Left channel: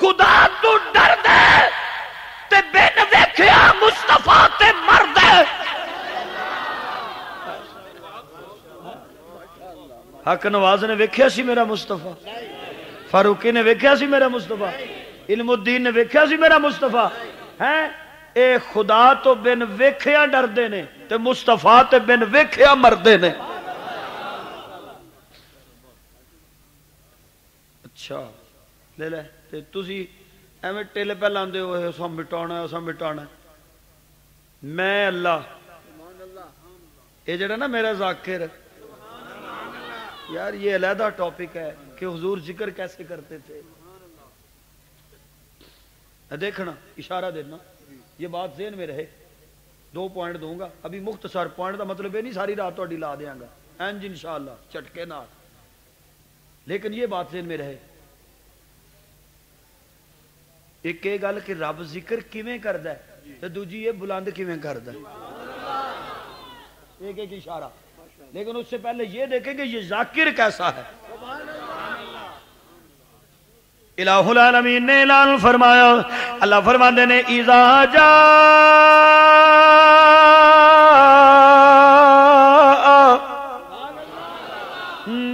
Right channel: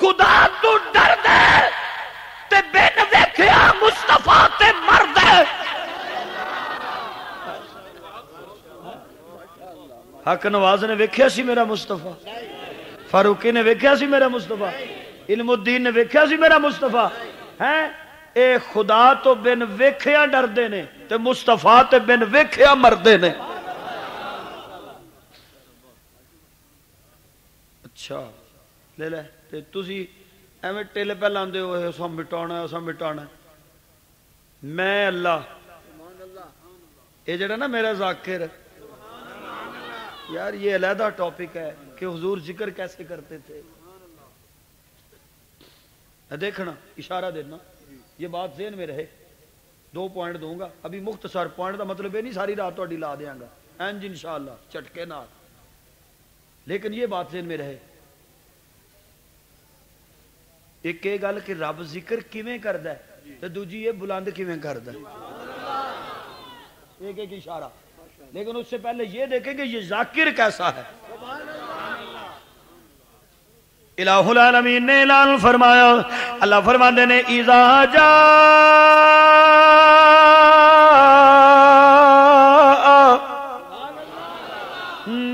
خدا تو ڈر دے تے بن ویکھیا مصطفیٰ تے مر دے. حق نواز نے ویکھیا سی میرا مصطفیٰ، فاروقی نے ویکھیا سی میرا مصطفیٰ، علم الدین نے ویکھیا سی میرا مصطفیٰ. ہے اے خدا تو بن ویکھیا ڈردے نے تے مصطفیٰ تے بن ویکھیا مردے نے. اچھا لے لے تے تسی ایویں ٹل پہ لاندے ہو اساں مٹانا اساں مٹانا. میں اللہ یہ جڑا نا میرا ذاکر یار یہ علیحدہ ٹاپک ہے کہ حضور ذکر کیسے کرتے تھے. دیکھنا اشارہ دینا یہ بات ذہن میں رہے. 2 پوائنٹ دوں گا ابھی مختصر پوائنٹ کا مطلب یہ نہیں ساری رات تہاڈی لا دیاں گا انج انشاءاللہ چٹکے نال، لیکن یہ بات ذہن میں رہے. ایک یہ گل کہ رب ذکر کیویں کردا ہے تے دوجی یہ بلند کیویں کردا ہے. ایک اشارہ، لیکن اس سے پہلے یہ دیکھیں کہ یہ ذاکر کیسا ہے. الہ العالمین نے اعلان فرمایا، اللہ فرماندے نے اذا جاء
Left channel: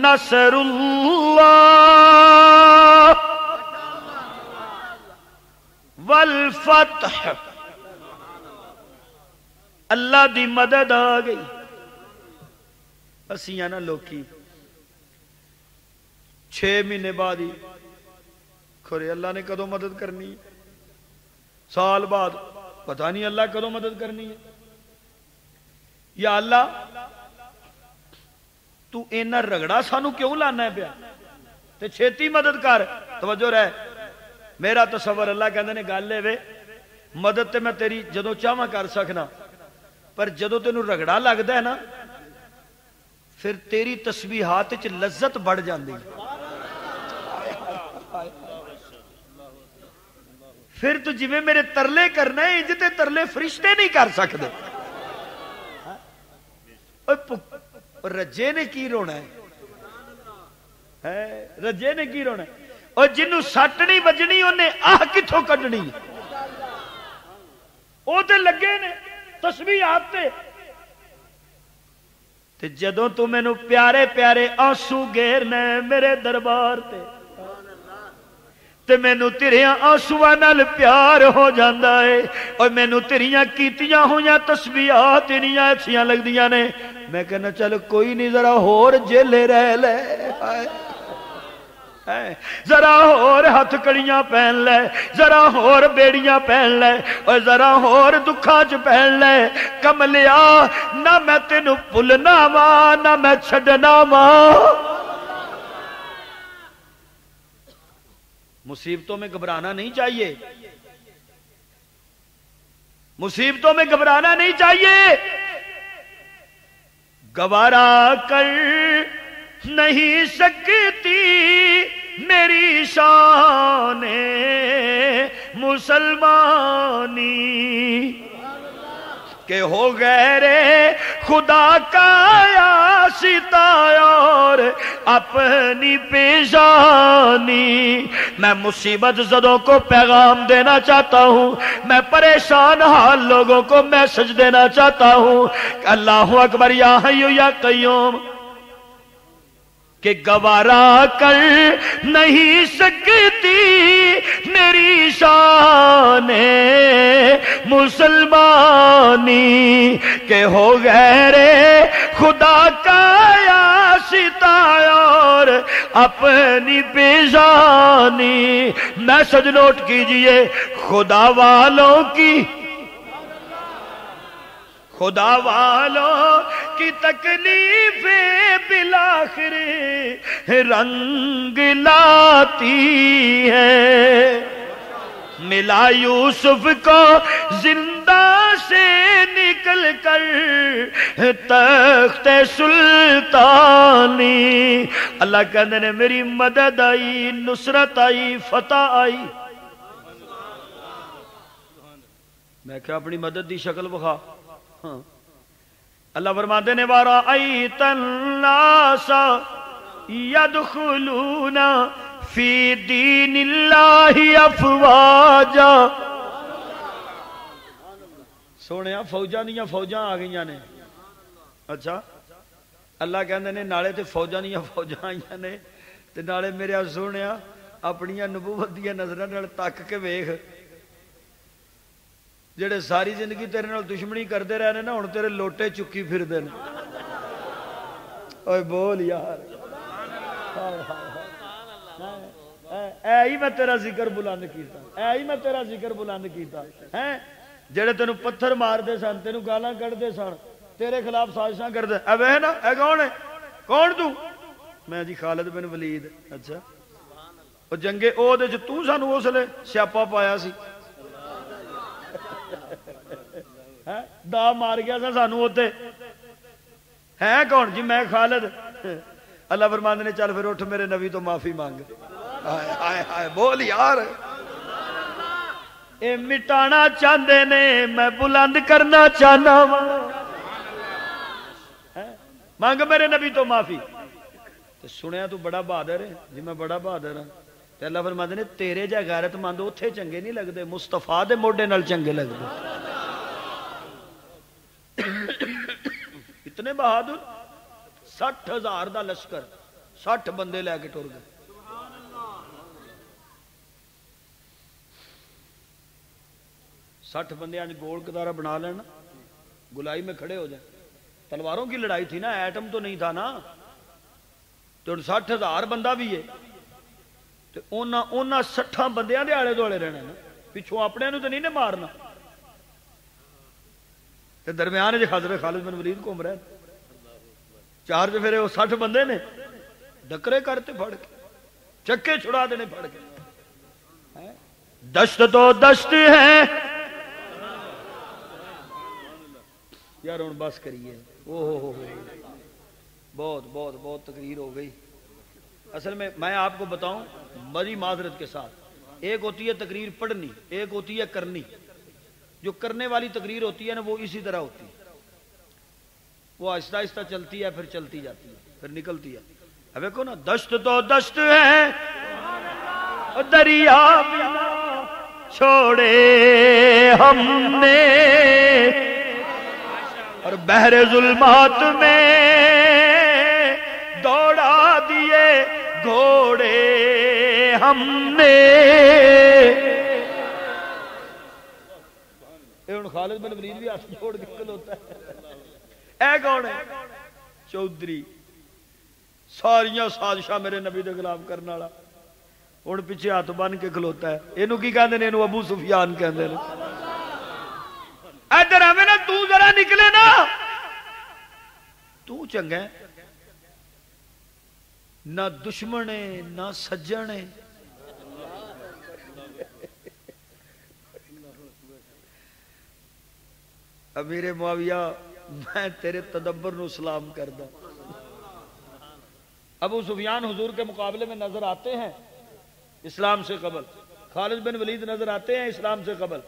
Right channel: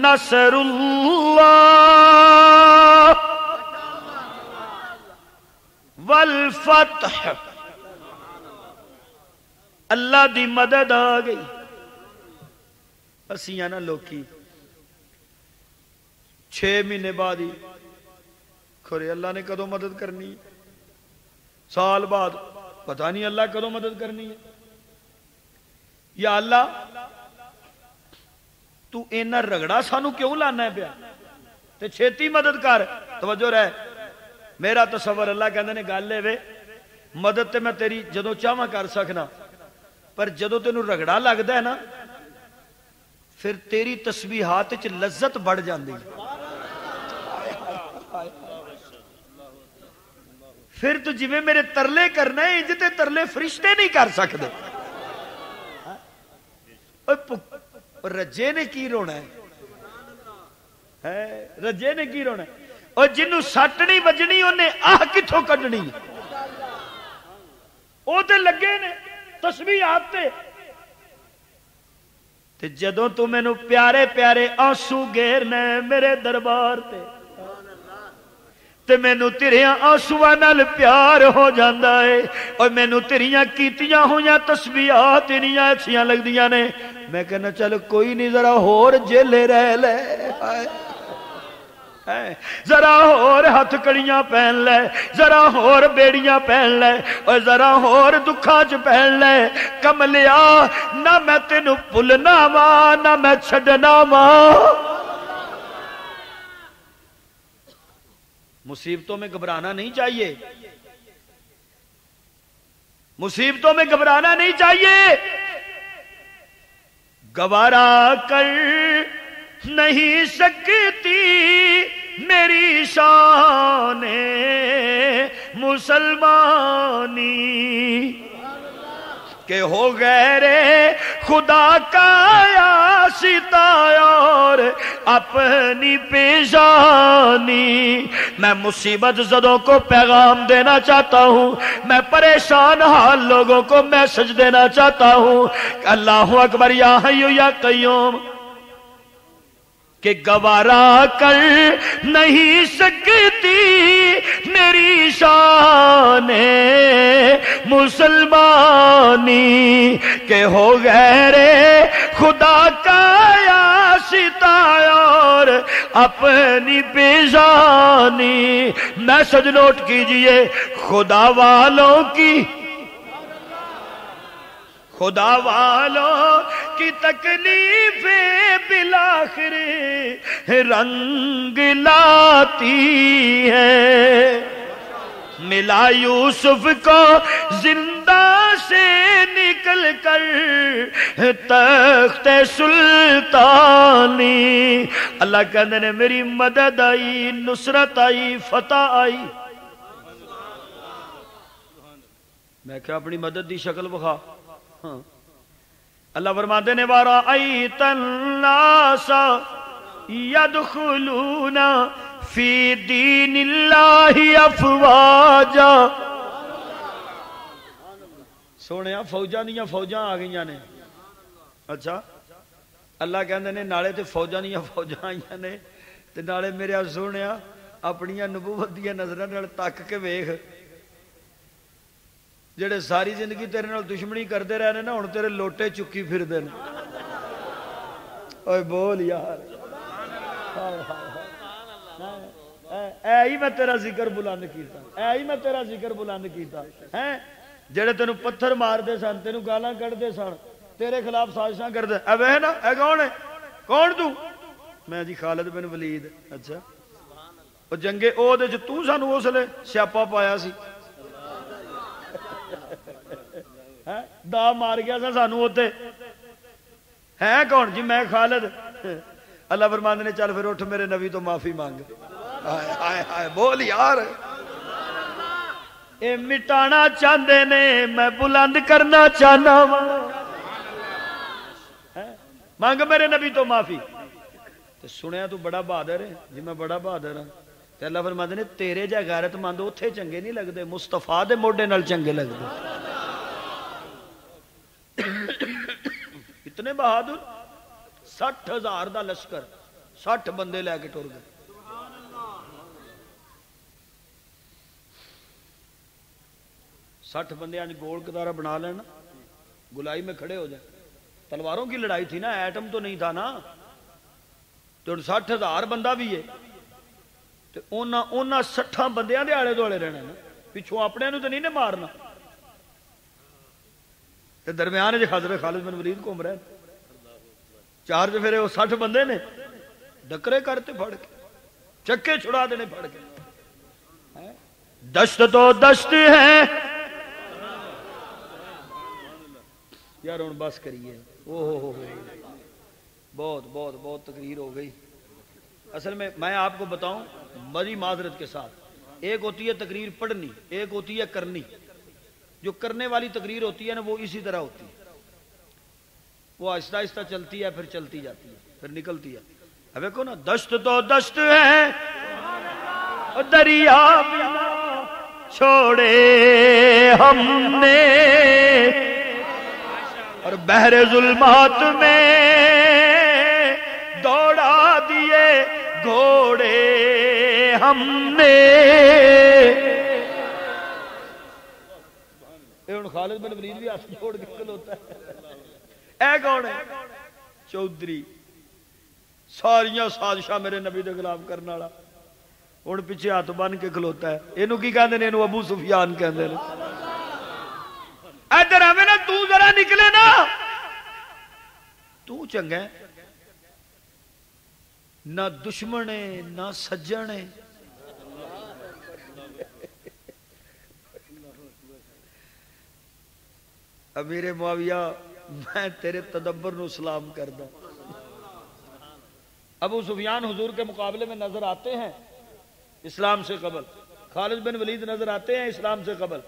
نصر اللہ والفتح، اللہ دی مدد آ گئی. اسیاں نا لوکی 6 مہینے بعد ہی کھرے اللہ نے کدوں مدد کرنی ہے، سال بعد پتہ نہیں اللہ کدوں مدد کرنی ہے. یا اللہ تو اینا رگڑا سانو کیوں لانا ہے پیا تے چھیتی مدد کر. توجہ رہے میرا تصور اللہ کہندے نے گل اے وے مدد تے میں تیری جدوں چاہواں کر سکنا، پر جدوں تینوں رگڑا لگدا ہے نا پھر تیری تسبیحات وچ لذت بڑھ جاندی. پھر تو جویں میرے ترلے کرنا ہے انج تے ترلے فرشتے نہیں کر سکدے. رجے نے کی رونا ہے، رجے نے کی رونا ہے. اور جنوں سٹ نہیں بجنی انہیں آہ کتھوں کڈنی، وہ تے لگے نے تسبیحات تے جدوں تو مینوں پیارے پیارے آنسو گھیرنا میرے دربار تے مینوں تیریاں آنسواں نال پیار ہو جاندا ہے. اور مینوں تیریاں کیتیاں ہویاں تسبیحات انیاں اچھیاں لگدیاں نے. میں کہنا چل کوئی نہیں ذرا ہور جیلے رہ لے، ذرا ہور ہاتھ کڑیاں پہن لے، ذرا ہور بیڑیاں پہن لے، اور ذرا ہور دکھاں چ پہن لے. کملیا نہ میں تینوں بھولنا وا نہ میں چھڈنا وا. مصیبتوں میں گھبرانا نہیں چاہیے، مصیبتوں میں گھبرانا نہیں چاہیے. گوارا کر نہیں سکتی میری شان مسلمانی کہ ہو غیر خدا کا آشتا اور اپنی پیشانی. میں مصیبت زدوں کو پیغام دینا چاہتا ہوں، میں پریشان حال لوگوں کو میسج دینا چاہتا ہوں کہ اللہ اکبر یا حی یا قیوم، کہ گوارا کر نہیں سکتی میری شان مسلمانی کہ ہو غیر خدا کا آشتا اور اپنی بیزانی. میسج نوٹ کیجئے، خدا والوں کی، خدا والوں کی تکلیفیں بالآخر رنگ لاتی ہے. ملا یوسف کو زندہ سے نکل کر تخت سلطانی. اللہ کہندے نے میری مدد آئی، نصرت آئی، فتح آئی. میں کہ اپنی مدد دی شکل بخا. اللہ فرماتے نے وَرَأَيْتَ النَّاسَ يَدْخُلُونَ فی دین اللہ افواجا. سونے فوجاں دیاں فوجاں آ گئی نے. اچھا اللہ کہندے نے نالے تے فوجاں دیاں فوجاں آئیاں نے تے نالے میرے سونے اپنی نبوت دی نظراں نال تک کے ویکھ جڑے ساری زندگی تیرے نال دشمنی کرتے رہے نا ہن تیرے لوٹے چکی پھردے نے. اوے بول یار اے ہی میں تیرا ذکر بلند کیتا اے ہی میں تیرا ذکر بلند کیتا ہیں جڑے تینوں پتھر مارتے سن تینوں گالاں کڈتے سن تیرے خلاف سازشاں کرتے اے نا اے کون ہے کون تو میں جی خالد بن ولید. اچھا او جنگے او دے تو سانو اس لیے سیاپا پایا سی دا مار گیا سا سانو اوتے ہے کون جی میں خالد. اللہ فرماندے نے چل پھر اٹھ میرے نبی تو معافی مانگ. ہائے ہائے ہائے بول یار اے مٹانا چاہتے نے میں بلند کرنا چاہنا مانگ میرے نبی تو معافی. سنیا تو بڑا بہادر ہے جی میں بڑا بہادر ہوں. اللہ فرماندے نے تیرے جا غیرت مند اوتھے چنگے نہیں لگتے مصطفیٰ دے موڈے نال چنگے لگتے. اتنے بہادر 60,000 دا لشکر 60 بندے لے کے ٹر گئے. سٹھ بندے گول کتارا بنا لینا گلائی میں کھڑے ہو جائیں. تلواروں کی لڑائی تھی نا ایٹم تو نہیں تھا نا تو 60,000 بندہ بھی ہے تو انہاں 60 بندیاں دے آلے دوالے رہنا نا پچھوں اپنے نو تو نہیں نے مارنا. تے درمیان جے حضرت خالد بن ولید گھوم رہے چار تے پھر وہ 60 بندے نے ڈکرے کرتے پھڑ کے چکے چھڑا دینے پھڑ کے. دشت تو دشت ہے یار ہوں بس کریے. بہت بہت بہت تقریر ہو گئی. اصل میں آپ کو بتاؤں بڑی معذرت کے ساتھ ایک ہوتی ہے تقریر پڑھنی ایک ہوتی ہے کرنی. جو کرنے والی تقریر ہوتی ہے نا وہ اسی طرح ہوتی ہے وہ آہستہ آہستہ چلتی ہے پھر چلتی جاتی ہے پھر نکلتی ہے. اب دیکھو نا دشت تو دشت ہے دریا چھوڑے ہم نے اور بحر ظلمات میں دوڑا دیے گھوڑے ہم نے. خالد بن ولید بھی ہاتھ چھوڑ کے کھلوتا ہے. اے کون ہے چودھری ساریاں سازشاں میرے نبی دے خلاف کرنے والا ہوں پیچھے ہاتھ بن کے کھلوتا ہے. اینو کی کہندے نے اینو ابو سفیان کہندے نے. ادھر آویں نا تو ذرا نکلے نا تو چنگا نہ دشمن ہے نہ سجن ہے. امیر معاویہ میں تیرے تدبر نو سلام کردا. ابو سفیان حضور کے مقابلے میں نظر آتے ہیں اسلام سے قبل. خالد بن ولید نظر آتے ہیں اسلام سے قبل.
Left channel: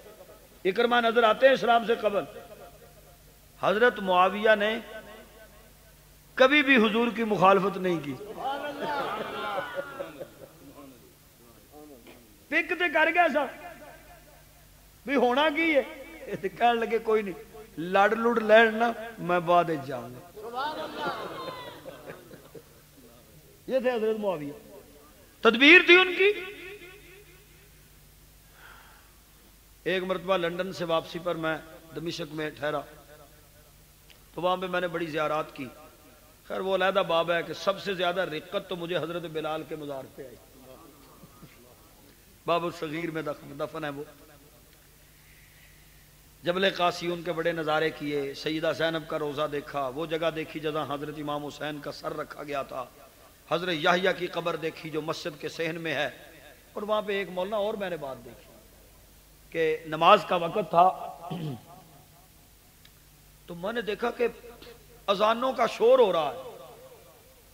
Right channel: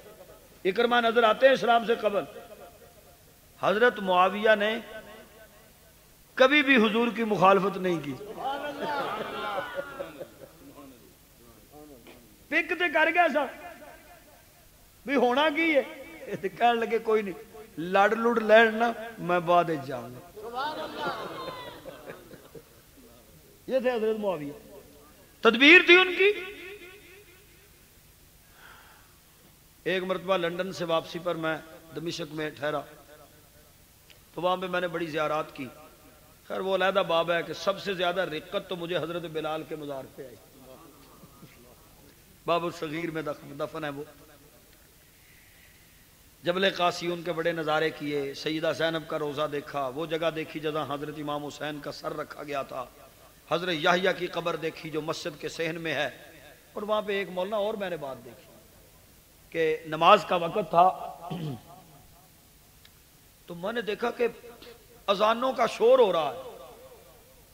اکرمہ نظر آتے ہیں اسلام سے قبل. حضرت معاویہ نے کبھی بھی حضور کی مخالفت نہیں کی. پک تے کر گیا سا بھی ہونا کی ہے کہنے لگے کوئی نہیں لڑ لڑ لینا میں بعد جاؤں گا. یہ تھے حضرت معاویہ تدبیر تھی ان کی. ایک مرتبہ لندن سے واپسی پر میں دمشق میں ٹھہرا تو وہاں پہ میں نے بڑی زیارات کی. خیر وہ علیحدہ باب ہے کہ سب سے زیادہ رقت تو مجھے حضرت بلال کے مزار پہ آئی. باب الصغیر میں دفن ہے وہ. جبل قاسی ان کے بڑے نظارے کیے. سیدہ زینب کا روزہ دیکھا. وہ جگہ دیکھی جہاں حضرت امام حسین کا سر رکھا گیا تھا. حضرت یحییٰ کی قبر دیکھی جو مسجد کے صحن میں ہے. اور وہاں پہ ایک مولانا اور میں نے بات دیکھی کہ نماز کا وقت تھا تو میں نے دیکھا کہ اذانوں کا شور ہو رہا ہے.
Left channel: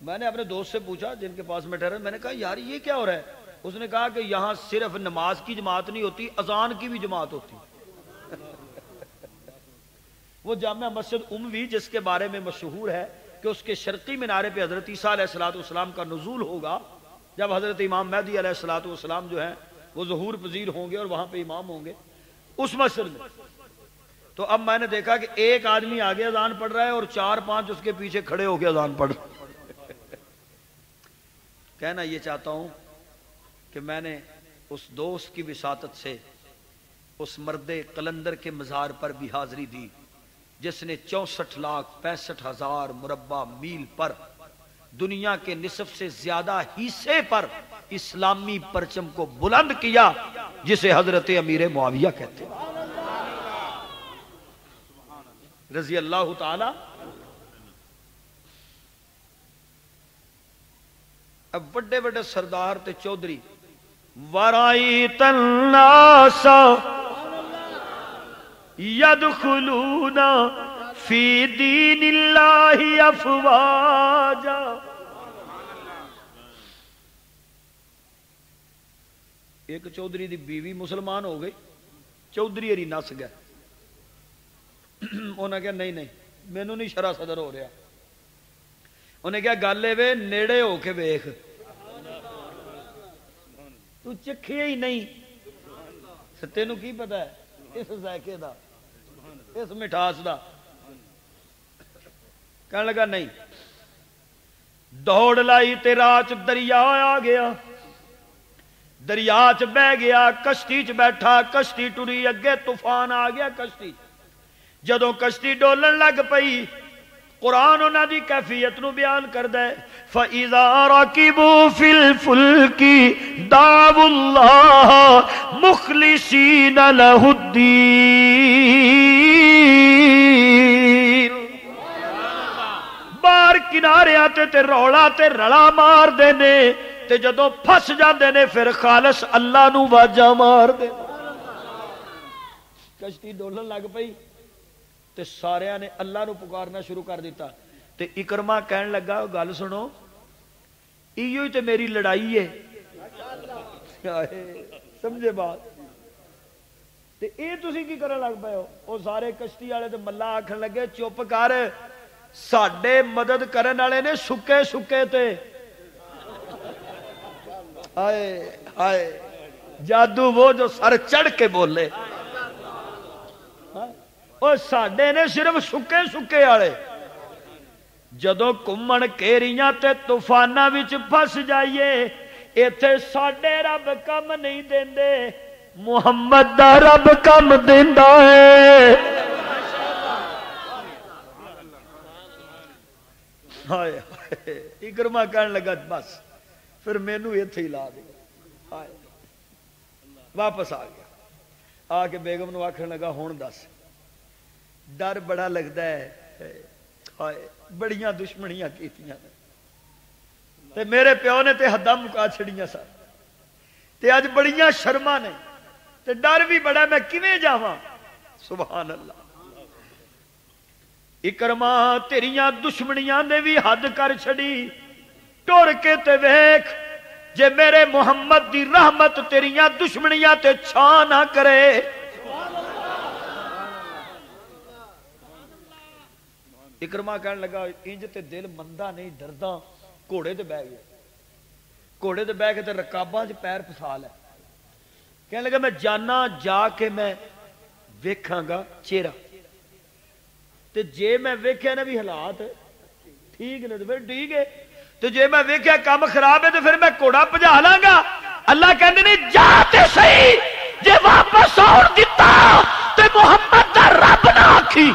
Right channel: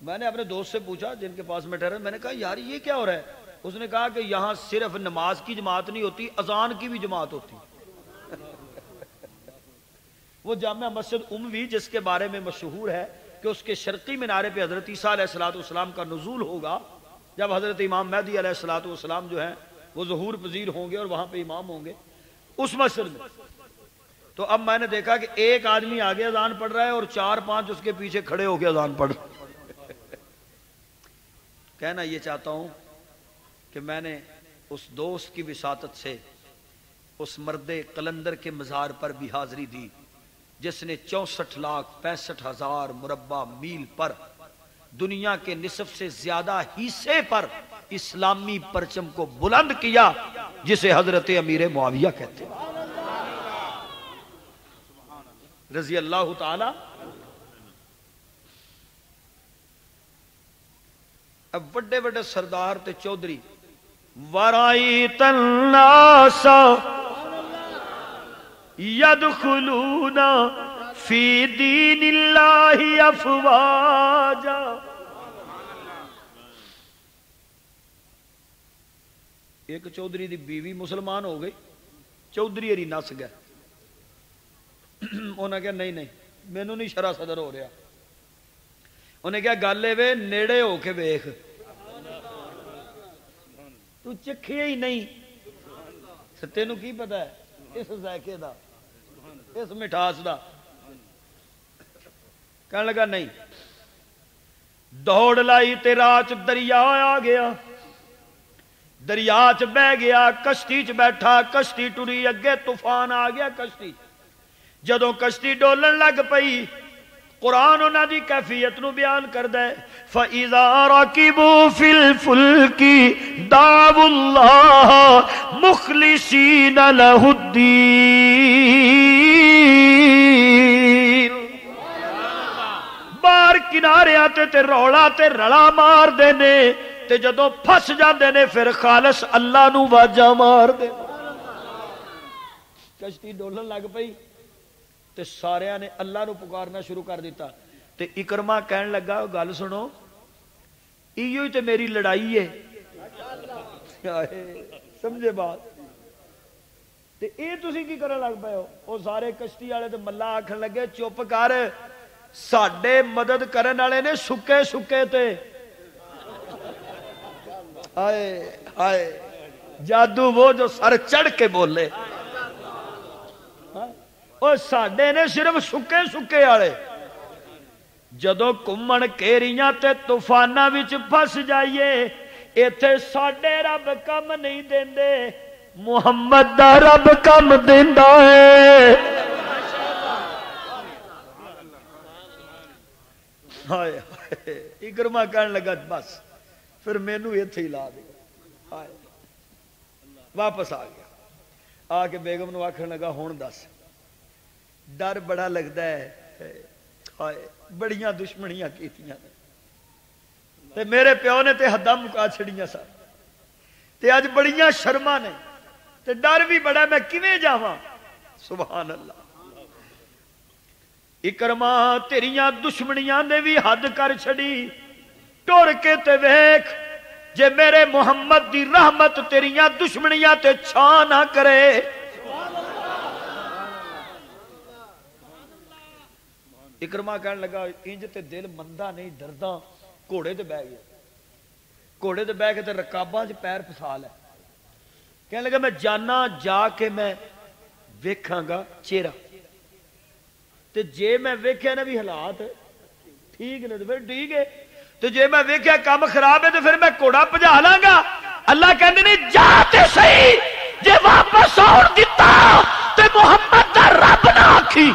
میں نے اپنے دوست سے پوچھا جن کے پاس میں ٹھہرا. میں نے کہا یار یہ کیا ہو رہا ہے؟ اس نے کہا کہ یہاں صرف نماز کی جماعت نہیں ہوتی اذان کی بھی جماعت ہوتی. وہ جامع مسجد اموی جس کے بارے میں مشہور ہے کہ اس کے شرقی مینارے پہ حضرت عیسیٰ علیہ الصلوۃ والسلام کا نزول ہوگا جب حضرت امام مہدی علیہ الصلوۃ والسلام جو ہیں وہ ظہور پذیر ہوں گے اور وہاں پہ امام ہوں گے اس مسجد میں، تو اب میں نے دیکھا کہ ایک آدمی آگے اذان پڑھ رہا ہے اور 4-5 اس کے پیچھے کھڑے ہو کے اذان پڑھ رہے۔ کہنا یہ چاہتا ہوں کہ میں نے اس دوست کی وساطت سے اس مرد قلندر کے مزار پر بھی حاضری دی جس نے 64,65,000 مربع میل پر دنیا کے نصف سے زیادہ حصے پر اسلامی پرچم کو بلند کیا، جسے حضرت امیر معاویہ کہتے ہیں رضی اللہ تعالی۔ اب بڑے بڑے سردار تے چودھری ورائیت الناس یدخلون فی دین اللہ افواجا، ایک چودھری دی بیوی مسلمان ہو گئی، چودھری ہری نس گئے، انہیں کہا نہیں مینوں نہیں شرع صدر ہو رہا، انہیں کہا گل اے نیڑے ہو کے ویکھ، تو چکھے ہی نہیں، تینوں کی پتا ہے اس ذائقے دا، اس مٹھاس دا؟ کہنے لگا نہیں، دوڑ لائی تے راہ دریا آ گیا، دریا چ بہ گیا، کشتی چ بیٹھا، کشتی ٹری، اگے طوفان آ گیا کشتی، جدوں کشتی ڈولن لگ پئی قرآن انہاں دی کیفیت نو بیان کردا ہے، فَإِذَا رَكِبُوا فِي الْفُلْكِ دَعَوُا اللَّهَ مُخْلِصِينَ لَهُ الدِّينَ، باہر کناریاں تے رولا تے رلا مار دے نے، تے جدوں پھس جاندے نے پھر خالص اللہ نو واجا مار دے۔ کشتی ڈولن لگ پئی تے سارے نے اللہ نو پکارنا شروع کر دیتا، تے اکرما کہن لگا گل سنو، ایو ہی تے میری لڑائی ہے، سمجھے بات؟ تے اے تسی کی کرن لگ پئے ہو؟ او سارے کشتی والے تے ملا آکھن لگے چپ کر، ساڈے مدد کرن والے نے سکے سکے تے، ہائے ہائے جادو وہ جو سر چڑھ کے بولے، اور ساڈے نے صرف سکے سکے والے، جدوں کمن کیریاں تے طوفاناں وچ پھس جائیے، ایتھے ساڈے رب کم نہیں دیندے، محمد دا رب کم دیندا ہے۔ ہائے ہائے اکرما کہن لگا بس پھر مینوں ایتھے ہی لا دے، ہائے واپس آ گیا، آ کے بیگم نو آکھن لگا ہن دس، ڈر بڑا لگتا ہے، ہائے بڑیاں دشمنیاں کیتیاں تے میرے پیو نے تے حداں مکا چھڑیاں سن، تے اج بڑیاں شرما نے تے ڈر بھی بڑا، میں کیویں جاواں؟ سبحان اللہ۔ اکرما تیریاں دشمنیاں نے بھی حد کر چھڑی، ٹر کے تے ویکھ جے میرے محمد دی رحمت تیریاں دشمنیاں تے چھا نہ کرے۔ اکرما کہنے لگا انج تے دل مندا نہیں ڈردا، گھوڑے تے بہ گیا، گھوڑے تے بہ کے تے رکاباں چ پیر پھسا لے، کہنے لگا میں جانا جا کے میں ویکھاں گا چہرہ، تے جے میں ویکھیا نا بھی حالات ٹھیک نے تے پھر ٹھیک ہے، تے جے میں ویکھیا کام خراب ہے تے پھر میں گھوڑا بھجا لاں گا۔ اللہ کہندے نے جا تے صحیح، جے واپس آن دتا تے محمد دا رب نہ آکھی۔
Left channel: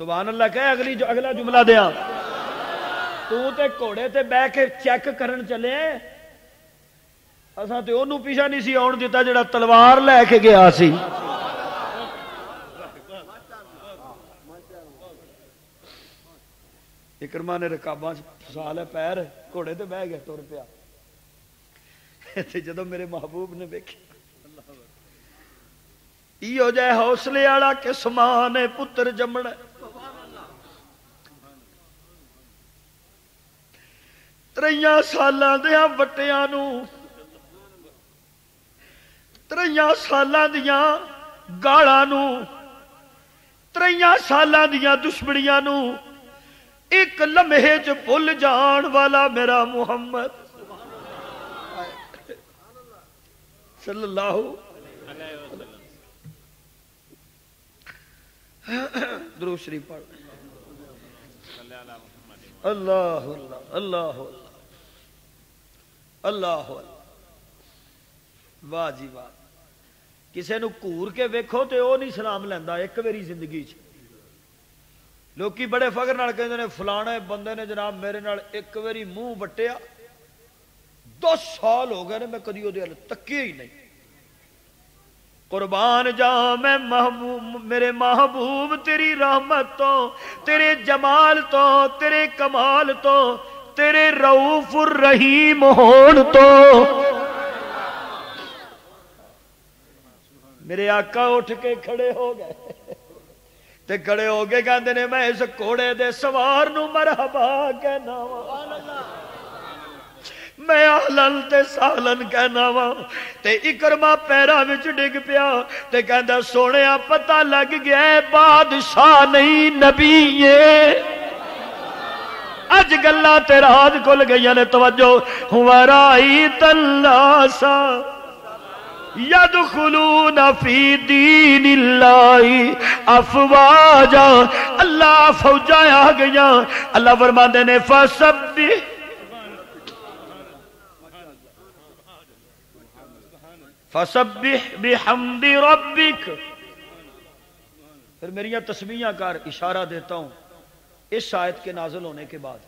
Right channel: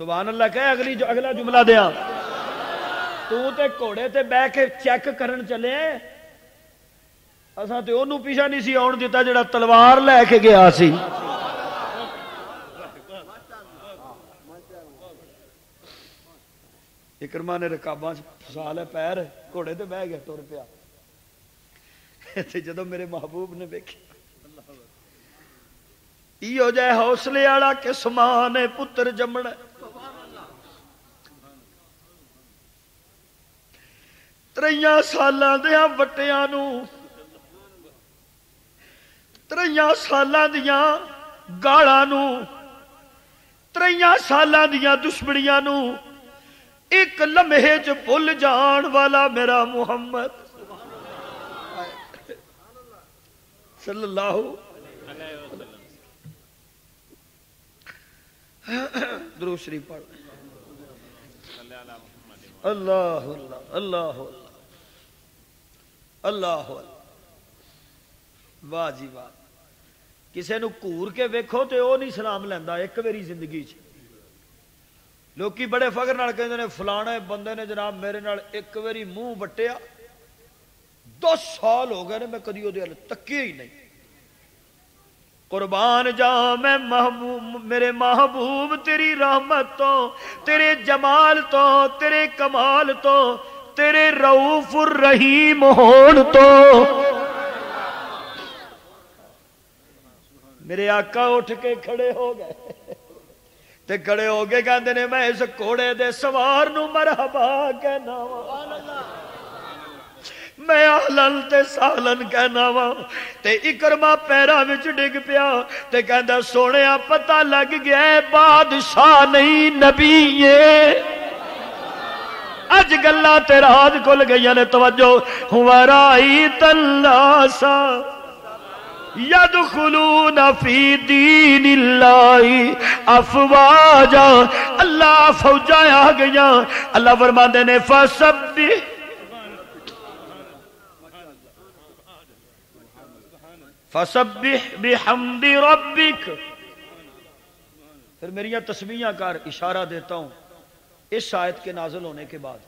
سبحان اللہ کہے اگلا جملہ دیا، تو تے گھوڑے تے بہ کے چیک کرن چلے، اساں تے اونوں پیچھے نہیں سی آن دیتا جڑا تلوار لے کے گیا سی۔ اکرما نے رکاباں پھسا لے پیر، گھوڑے تے بہ گیا تر پیا، جدوں میرے محبوب نے ویکھیا ایو جے حوصلے والا کس ماں نے پتر جمنا، تریاں سالاں دیاں وٹیاں نو، تریاں سالاں دیاں گالاں نو، تریاں سالاں دیاں دشمنیاں نو ایک لمحے چ بھول جان والا میرا محمد صلی اللہ درود شریف پڑھ اللہ اللہ اللہ اللہ واہ جی واہ. کسے نو گور کے ویکھو تے او نہیں سلام لیندا ایک واری زندگی چ. لوکی بڑے فخر نال کہندے نے فلانے بندے نے جناب میرے نال ایک واری منہ وٹیا 10 سال ہو گئے نے میں کدی او دے ال تکیا ہی نہیں. قربان جاؤں میں محبوب میرے محبوب تیری رحمت تو تیرے جمال تو تیرے کمال تو تیرے رؤوف الرحیم ہون تو. میرے آقا اٹھ کے کھڑے ہو گئے تے کھڑے ہو کے کہندے نے میں اس گھوڑے دے سوار نو مرحبا کہنا وا میں اہلن تے سہلن کہنا وا. تے اکرما پیراں وچ ڈگ پیا تے کہندا سونیا پتہ لگ گیا ہے بادشاہ نہیں نبی ہے. اج گلاں تے راز کھل گئیاں نے. توجہ ورائیت الناس یدخلون فی دین اللہ افواجا. اللہ فوجاں آ گئیاں. اللہ فرماندے نے فسبح فسبح بحمد ربک. پھر میری تسبیحاں کر. اشارہ دیتا ہوں اس آیت کے نازل ہونے کے بعد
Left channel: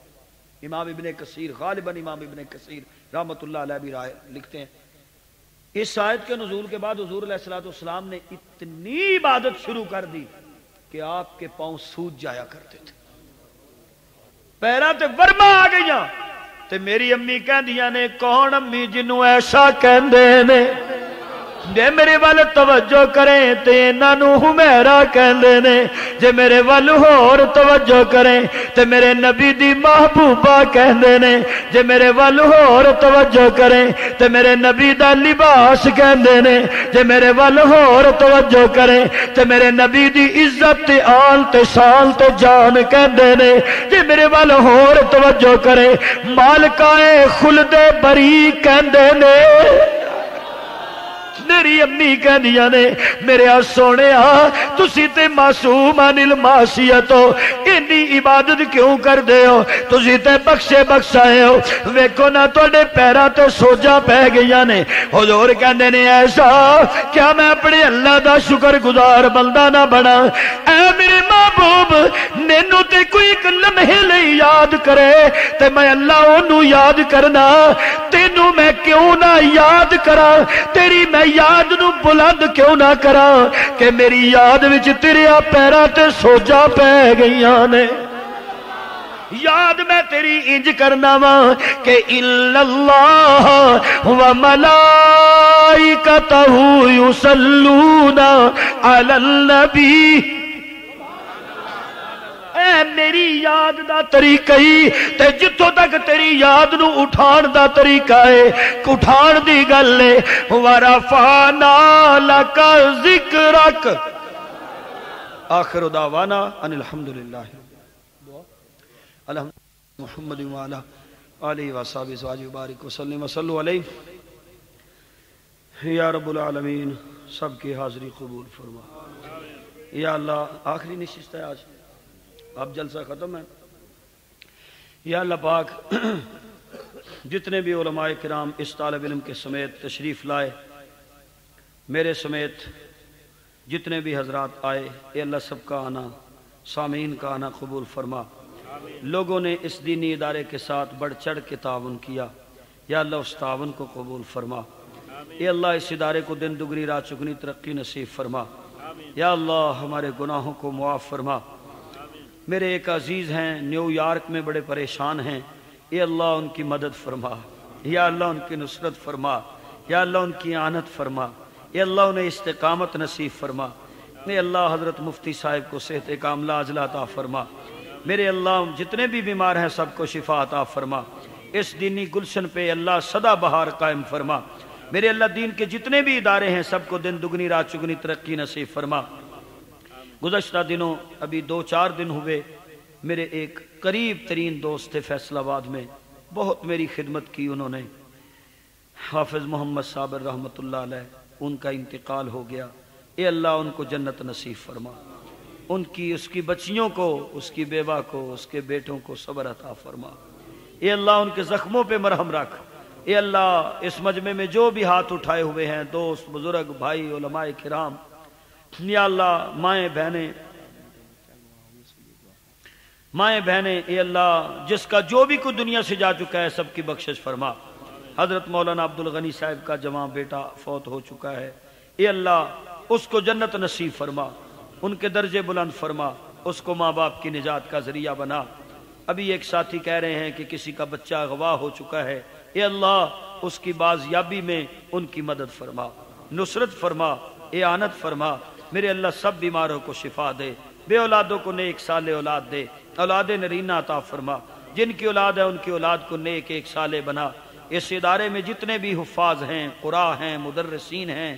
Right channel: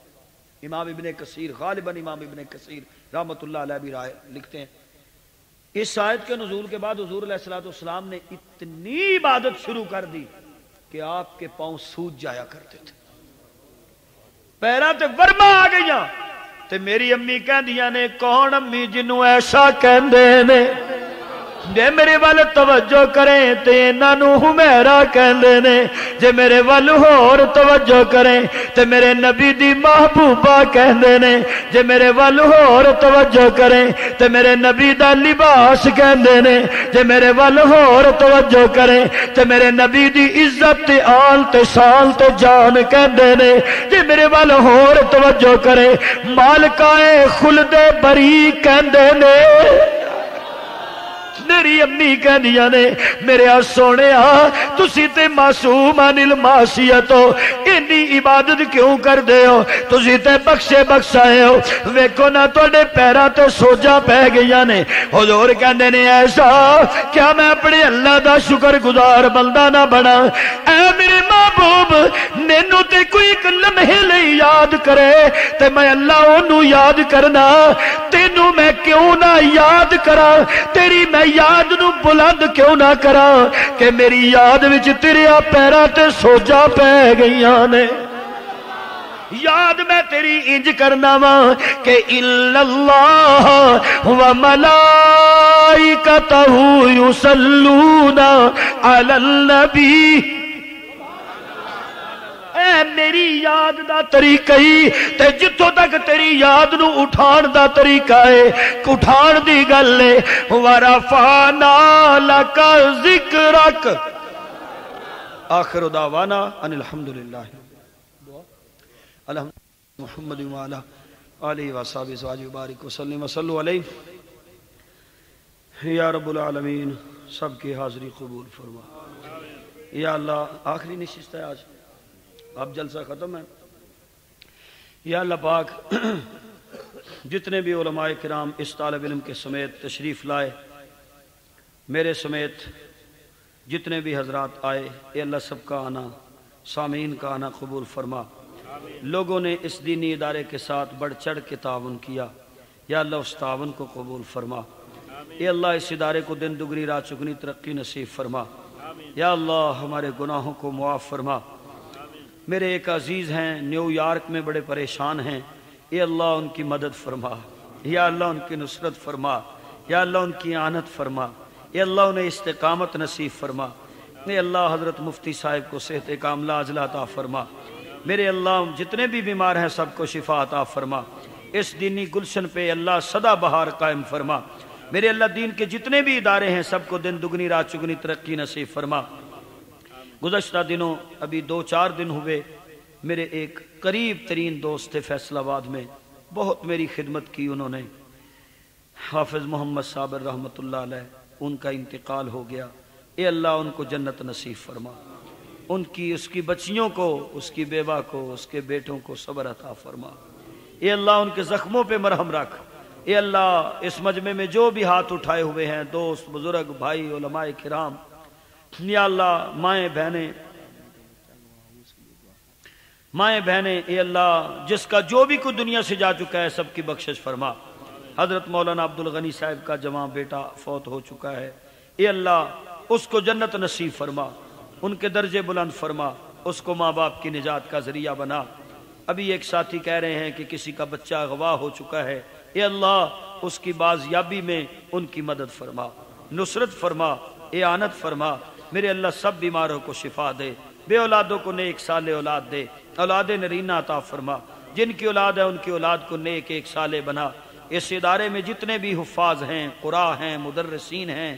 امام ابن کثیر غالباً امام ابن کثیر رحمۃ اللہ علیہ بھی رائے لکھتے ہیں اس آیت کے نزول کے بعد حضور علیہ الصلوۃ والسلام نے اتنی عبادت شروع کر دی کہ آپ کے پاؤں سوج جایا کرتے تھے. پیراں تے ورما آ گئیاں. تے میری امی کہندیاں نے کون امی جنوں ایسا کہندے نے جے میرے ول توجہ کریں تے انہاں نوں حمیرا کہندے نے. جے میرے ول ہور توجہ کریں تے میرے نبی دی محبوبہ کہندے نے. جے میرے ول ہور توجہ کریں تے میرے نبی دا لباس کہندے نے. جے میرے ول ہور توجہ کریں تے میرے نبی دی عزت تے آل تے شان تے جان کہندے نے. جے میرے ول ہور توجہ کریں مالکائے خلد بری کہندے نے. میری امی کہندیاں نے میرے سونیا تسی تے معصوم عن المعصیت ہو اتنی عبادت کیوں کردے ہو تسی تے بخشے بخشائے ہو. ویکھو نہ تواڈے پیراں تے سوجاں پے گئیاں نے. حضور کہندے نے ایسا کیا میں اپنے اللہ دا شکر گزار بندہ نہ بنا. اے میرے محبوب مینوں تے کوئی ایک لمحے لئی یاد کرے تے میں اللہ اونوں یاد کرنا. تینوں میں کیوں نہ یاد کراں تیری میں یاد نو بلند کیوں نہ کرا کہ میری یاد وچ تیرے پیراں تے سوجاں پے گئیاں نے. یاد میں تیری انج کرنا وا کہ الا اللہ و ملائکتہ یصلون علی النبی. اے میری یاد دا طریقہ ہی تے جتوں تک تیری یاد نو اٹھان دا طریقہ ہے اٹھان دی گل ہے. ورفعنا لک ذکرک. آخر دعوانا ان الحمدللہ محمد وعلی آلہ وصحبہ ازواجہ وبارک وسلم وصلوا علیہ. یا رب العالمین سب کی حاضری قبول فرما. یا اللہ آخری نشست ہے آج اب جلسہ ختم ہے. یا اللہ پاک جتنے بھی علماء کرام اس طالب علم کے سمیت تشریف لائے میرے سمیت جتنے بھی حضرات آئے اے اللہ سب کا آنا سامعین کا آنا قبول فرما. لوگوں نے اس دینی ادارے کے ساتھ بڑھ چڑھ کے تعاون کیا یا اللہ اس تعاون کو قبول فرما. اے اللہ اس ادارے کو دن دگنی رات چگنی ترقی نصیب فرما. یا اللہ ہمارے گناہوں کو معاف فرما. میرے ایک عزیز ہیں نیو یارک میں بڑے پریشان ہیں. اے اللہ ان کی مدد فرما. یا اللہ ان کی نصرت فرما. یا اللہ ان کی اعانت فرما. اے اللہ انہیں استقامت نصیب فرما. اے اللہ حضرت مفتی صاحب کو صحت کاملہ عاجلہ عطا فرما. میرے اللہ جتنے بھی بیمار ہیں سب کو شفا عطا فرما. اس دینی گلشن پہ اللہ سدا بہار قائم فرما. میرے اللہ دین کے جتنے بھی ادارے ہیں سب کو دن دگنی رات چگنی ترقی نصیب فرما. گزشتہ دنوں ابھی 2-4 دن ہوئے میرے ایک قریب ترین دوست تھے فیصل آباد میں، بہت میری خدمت کی انہوں نے، حافظ محمد صابر رحمت اللہ علیہ، ان کا انتقال ہو گیا۔ اے اللہ ان کو جنت نصیب فرما، ان کی اس کی بچیوں کو، اس کی بیوہ کو، اس کے بیٹوں کو صبر عطا فرما۔ اے اللہ ان کے زخموں پہ مرہم رکھ۔ اے اللہ اس مجمع میں جو بھی ہاتھ اٹھائے ہوئے ہیں، دوست، بزرگ، بھائی، علماء کرام، یا اللہ مائیں بہنیں، اے اللہ جس کا جو بھی کوئی دنیا سے جا چکا ہے سب کی بخشش فرما۔ حضرت مولانا عبد الغنی صاحب کا جوان بیٹا فوت ہو چکا ہے، اے اللہ اس کو جنت نصیب فرما، ان کے درجے بلند فرما، اس کو ماں باپ کی نجات کا ذریعہ بنا۔ ابھی ایک ساتھی کہہ رہے ہیں کہ کسی کا بچہ اغوا ہو چکا ہے، اے اللہ اس کی بازیابی میں ان کی مدد فرما، نصرت فرما، اعانت فرما۔ میرے اللہ سب بیماروں کو شفا دے، بے اولادوں کو نیک صالح اولاد دے، اولاد نرینہ عطا فرما، جن کی اولاد ہے ان کی اولاد کو نیک ایک صالح بنا۔ اس ادارے میں جتنے بھی حفاظ ہیں، قراء ہیں، مدرسین ہیں،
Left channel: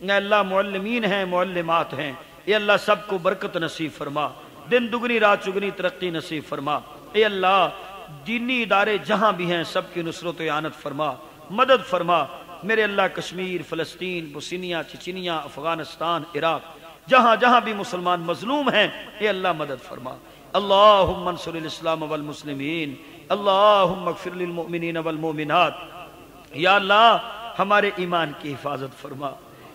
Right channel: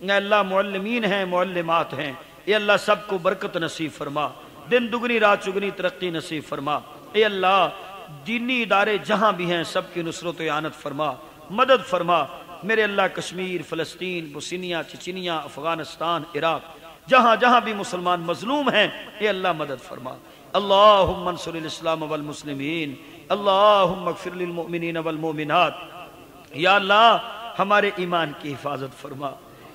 اے اللہ معلمین ہیں، معلمات ہیں، اے اللہ سب کو برکت نصیب فرما، دن دگنی رات چگنی ترقی نصیب فرما۔ اے اللہ دینی ادارے جہاں بھی ہیں سب کی نصرت و اعانت فرما، مدد فرما۔ میرے اللہ کشمیر، فلسطین، بوسنیا، چچنیا، افغانستان، عراق، جہاں جہاں بھی مسلمان مظلوم ہیں اے اللہ مدد فرما۔ اللہم انصر الاسلام والمسلمین، اللہم اغفر للمؤمنین والمؤمنات۔ یا اللہ ہمارے ایمان کی حفاظت فرما،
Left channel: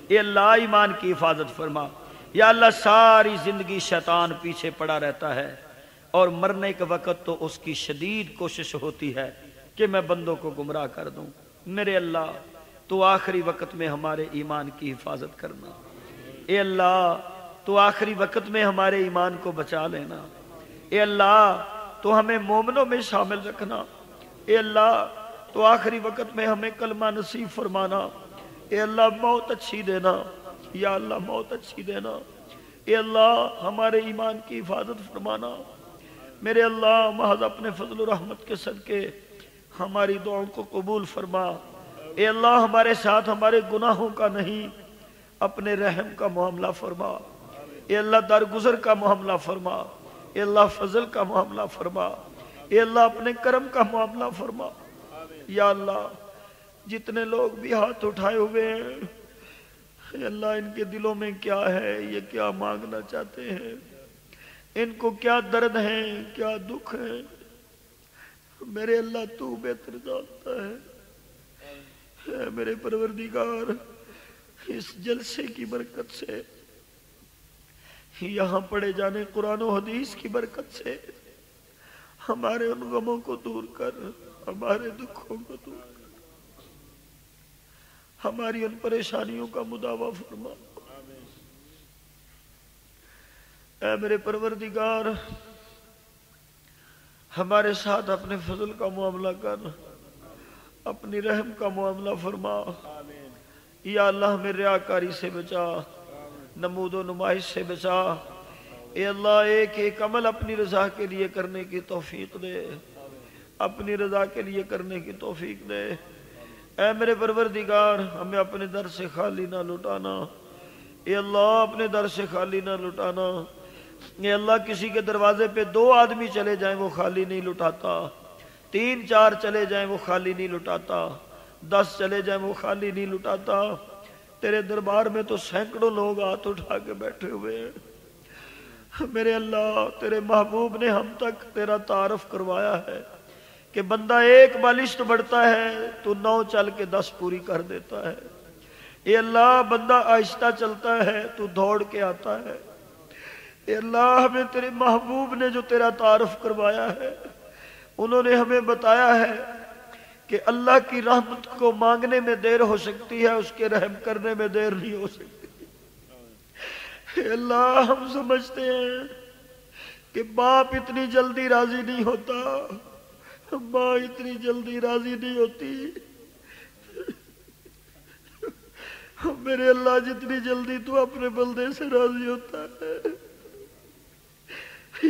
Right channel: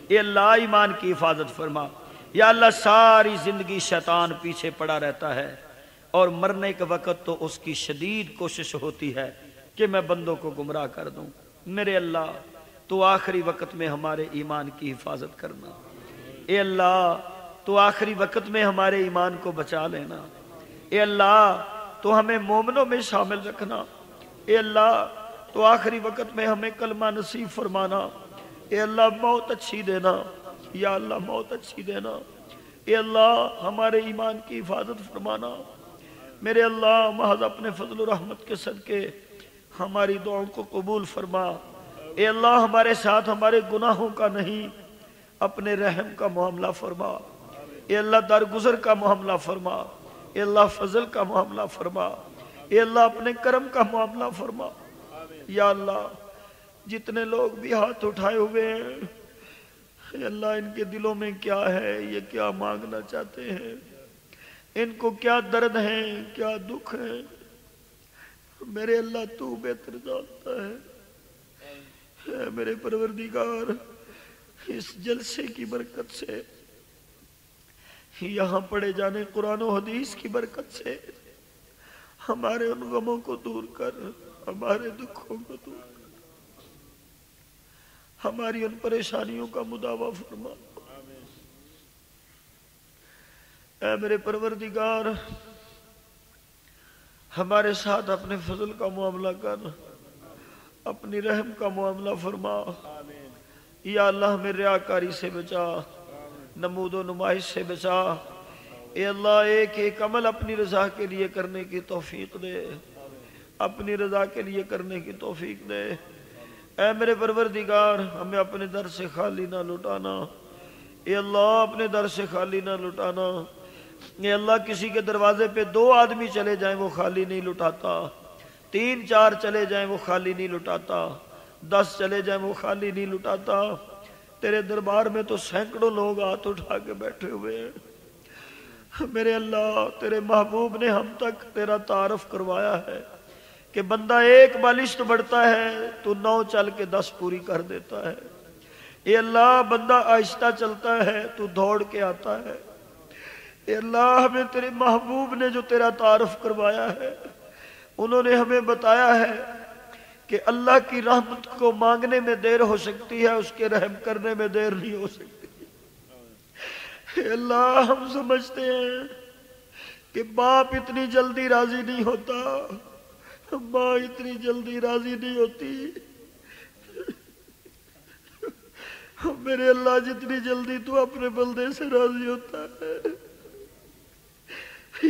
اے اللہ ایمان کی حفاظت فرما۔ یا اللہ ساری زندگی شیطان پیچھے پڑا رہتا ہے اور مرنے کے وقت تو اس کی شدید کوشش ہوتی ہے کہ میں بندوں کو گمراہ کر دوں۔ میرے اللہ تو آخری وقت میں ہمارے ایمان کی حفاظت کرنا، اے اللہ تو آخری وقت میں ہمارے ایمان کو بچا لینا، اے اللہ تو ہمیں مومنوں میں شامل رکھنا، اے اللہ تو آخری وقت میں ہمیں کلمہ نصیب فرمانا، اے اللہ موت اچھی دینا، یا اللہ موت اچھی دینا، اے اللہ ہمارے ایمان کی حفاظت فرمانا۔ میرے اللہ محض اپنے فضل و رحمت کے صدقے ہماری دعاؤں کو قبول فرما۔ اے اللہ ہمارے ساتھ ہمارے گناہوں کا نہیں، اپنے رحم کا معاملہ فرما، اے اللہ درگزر کا معاملہ فرما، اے اللہ فضل کا معاملہ فرما، اے اللہ اپنے کرم کا معاملہ فرما۔ یا اللہ جتنے لوگ بھی ہاتھ اٹھائے ہوئے ہیں اے اللہ ان کے دلوں میں کیا ہے، یہ کیا مانگنا چاہتے ہیں، ان کو کیا درد ہے، کیا دکھ ہے، میرے اللہ تو بہتر جانتا ہے۔ اے میرے پروردگار اس جلسے کی برکت سے، یہاں پڑھے جانے قرآن و حدیث کی برکت سے ہمارے ان غموں کو دور کر، ہمارے دکھوں کو دور کر، ہماری ان پریشانیوں کا مداوع فرما۔ اے میرے پروردگار ہمارے ساتھ اپنے فضل کا معاملہ کر، اپنی رحم کا معاملہ فرما۔ یا اللہ ہمیں ریاکاری سے بچا، نمود و نمائش سے بچا، اے اللہ ایک ایک عمل اپنی رضا کے لیے کرنے کی توفیق دے، اپنی رضا کے لیے کرنے کی توفیق دے۔ اے میرے پروردگار ہمیں اپنے در سے خالی نہ لٹانا، اے اللہ اپنے در سے خالی نہ لٹانا۔ اے اللہ کسی کے دروازے پہ 2 آدمی چلے جائیں وہ خالی نہیں لٹاتا، 3 4 چلے جائیں وہ خالی نہیں لٹاتا، 10 چلے جائیں وہ خالی نہیں لٹاتا۔ تیرے دربار میں تو سینکڑوں لوگ ہاتھ اٹھا کے بیٹھے ہوئے ہیں۔ میرے اللہ تیرے محبوب نے ہم تک تیرا تعارف کروایا ہے کہ بندہ 1 بالشت بڑھتا ہے تو 9 چل کے 10 پوری کر دیتا ہے۔ اے اللہ بندہ آہستہ چلتا ہے تو دوڑ کے آتا ہے۔ اے اللہ ہمیں تیرے محبوب نے جو تیرا تعارف کروایا ہے، انہوں نے ہمیں بتایا ہے کہ اللہ کی رحمت کو مانگنے میں دیر ہو سکتی ہے، اس کے رحم کرنے میں دیر نہیں ہو سکتی۔ اے اللہ ہم سمجھتے ہیں کہ باپ اتنی جلدی راضی نہیں ہوتا، ماں اتنی جلدی راضی نہیں ہوتی، میرے اللہ جتنی جلدی تو اپنے بندے سے راضی ہوتا ہے،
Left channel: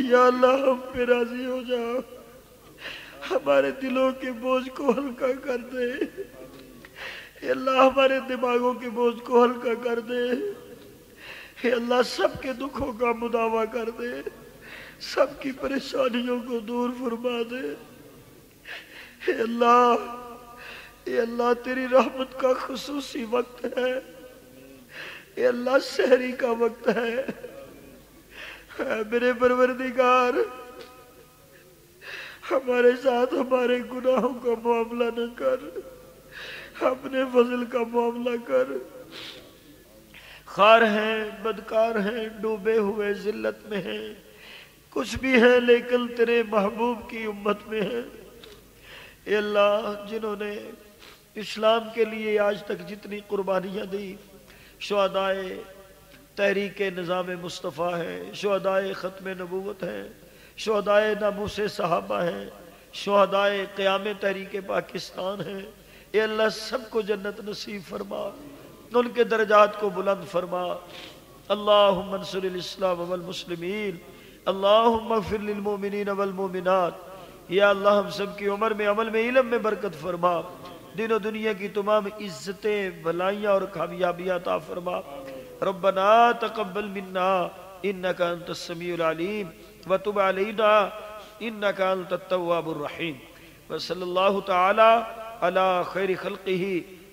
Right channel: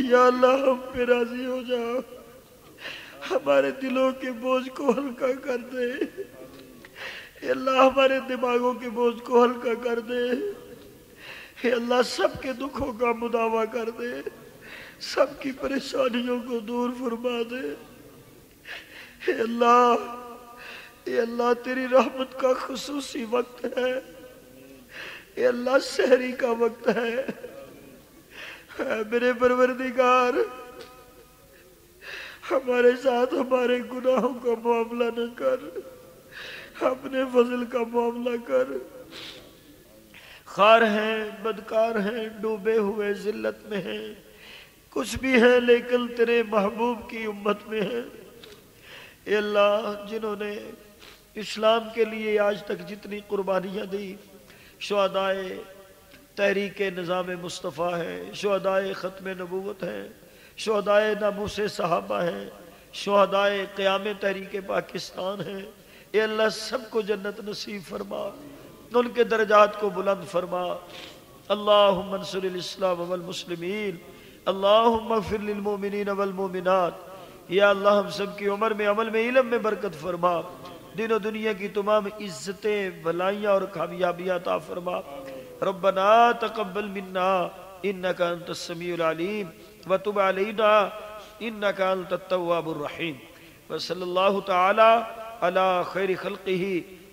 یا اللہ ہم پہ راضی ہو جا، ہمارے دلوں کے بوجھ کو ہلکا کر دے، اے اللہ ہمارے دماغوں کے بوجھ کو ہلکا کر دے، اے اللہ سب کے دکھوں کا مداوع کر دے، سب کی پریشانیوں کو دور فرما دے۔ اے اللہ، اے اللہ تیری رحمت کا خصوصی وقت ہے، اے اللہ سحری کا وقت ہے۔ اے میرے پروردگار، ہمارے ساتھ ہمارے گناہوں کا معاملہ نہ کر، اپنے فضل کا معاملہ کر۔ خار ہیں، بدکار ہیں، ڈوبے ہوئے ذلت میں ہیں، کچھ بھی ہیں لیکن تیرے محبوب کی امت میں ہیں۔ اے اللہ، جنہوں نے اسلام کے لیے آج تک جتنی قربانیاں دی، شہدائے تحریک نظام مصطفیٰ ہے، شہدائے ختم نبوت ہے، شہدائے ناموس صحابہ ہیں، شہدائے قیام تحریک پاکستان ہے، اے اللہ سب کو جنت نصیب فرما، ان کے درجات کو بلند فرما۔ اللہم انصر الاسلام والمسلمین، اللہم اغفر للمؤمنین والمؤمنات۔ یا اللہ ہم سب کی عمر میں، عمل میں، علم میں برکت فرما، دین و دنیا کی تمام عزتیں، بھلائیاں اور کامیابیاں عطا فرما۔ ربنا تقبل منا انک انت السمیع العلیم وتب علینا انک انت التواب الرحیم۔ وصلی اللہ تعالی علی خیر خلقہ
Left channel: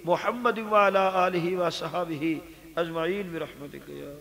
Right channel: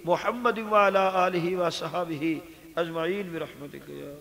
محمد وعلی آلہ وصحبہ اجمعین برحمتک یا